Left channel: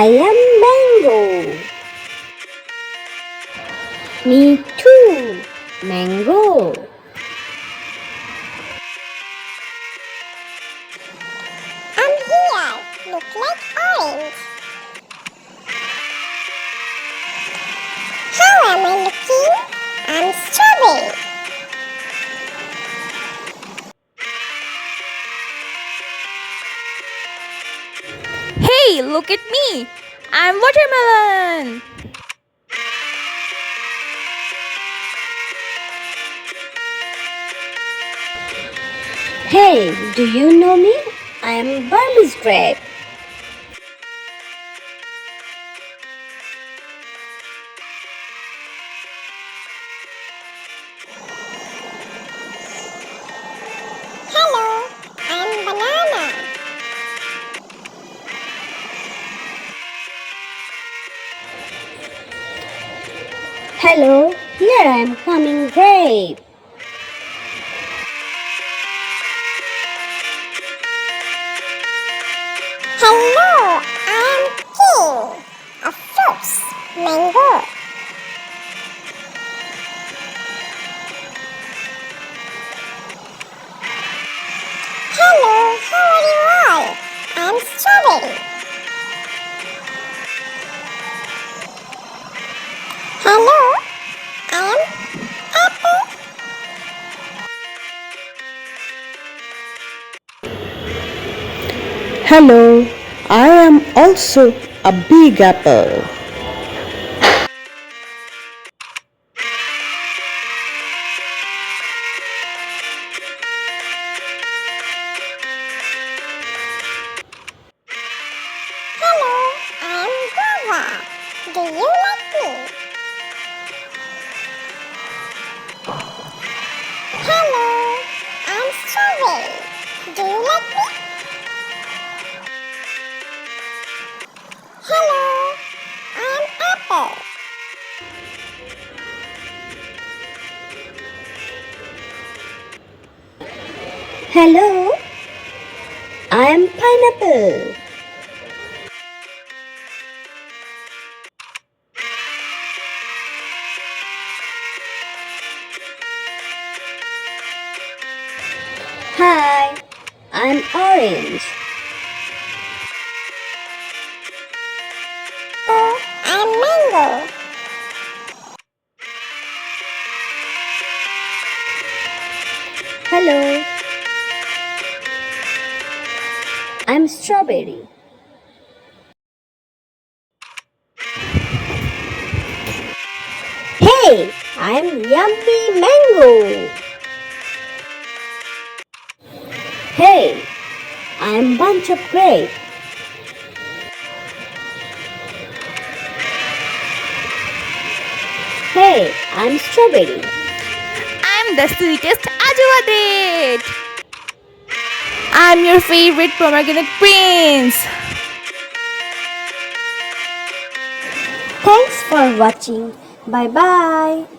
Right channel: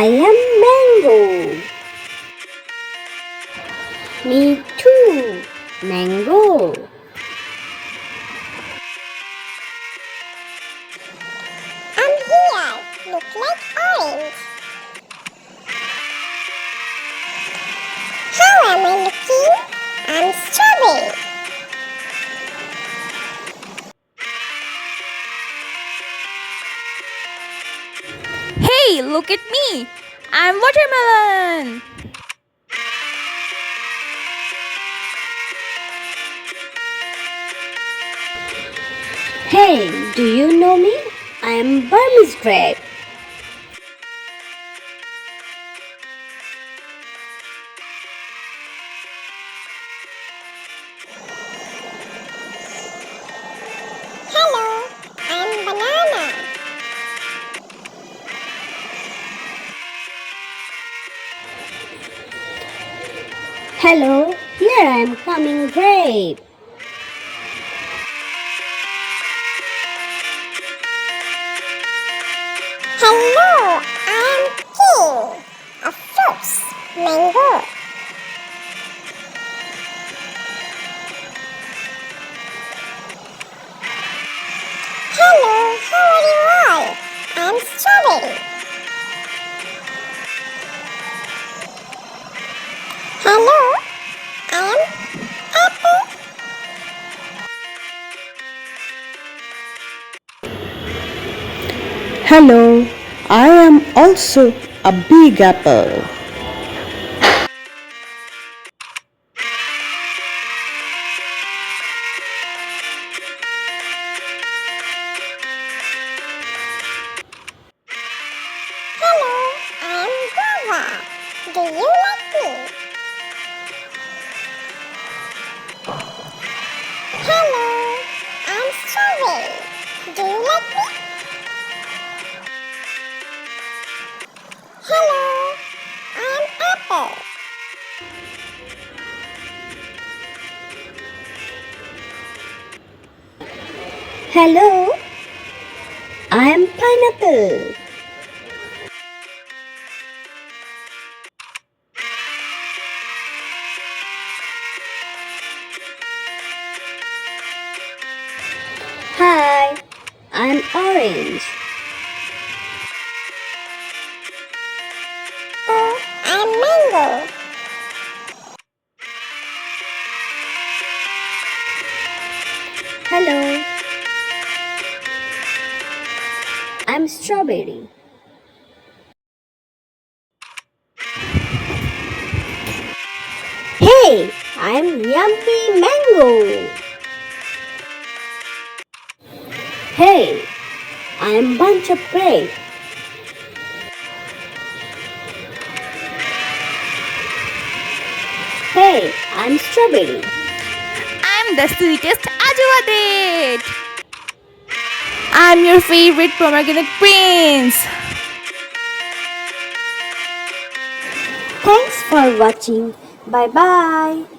I am mango. Me too, mango. I'm here. Look like orange. How am I looking? I'm strawberry. Hey, look at me! I'm watermelon! Hey, do you know me? I am Burmese grape. Hello, I'm banana. Hello, here I am coming grape. Hello, I'm king of fruits, mango. Hello, how are you all? I'm strawberry. Hello, I'm apple. Hello, I am also a big apple. Hello, I'm guava. Do you like me? Hello, I'm strawberry. Do you like me? Hello, I'm apple. Hello, I am pineapple. Hi, I'm orange. Oh, I'm mango. Hello, I'm strawberry. Hey, I'm yummy mango. Hey, I'm bunch of grape. Hey, I'm strawberry. I'm the sweetest Ajuadet! I'm your favorite pomegranate prince! Thanks for watching. Bye bye.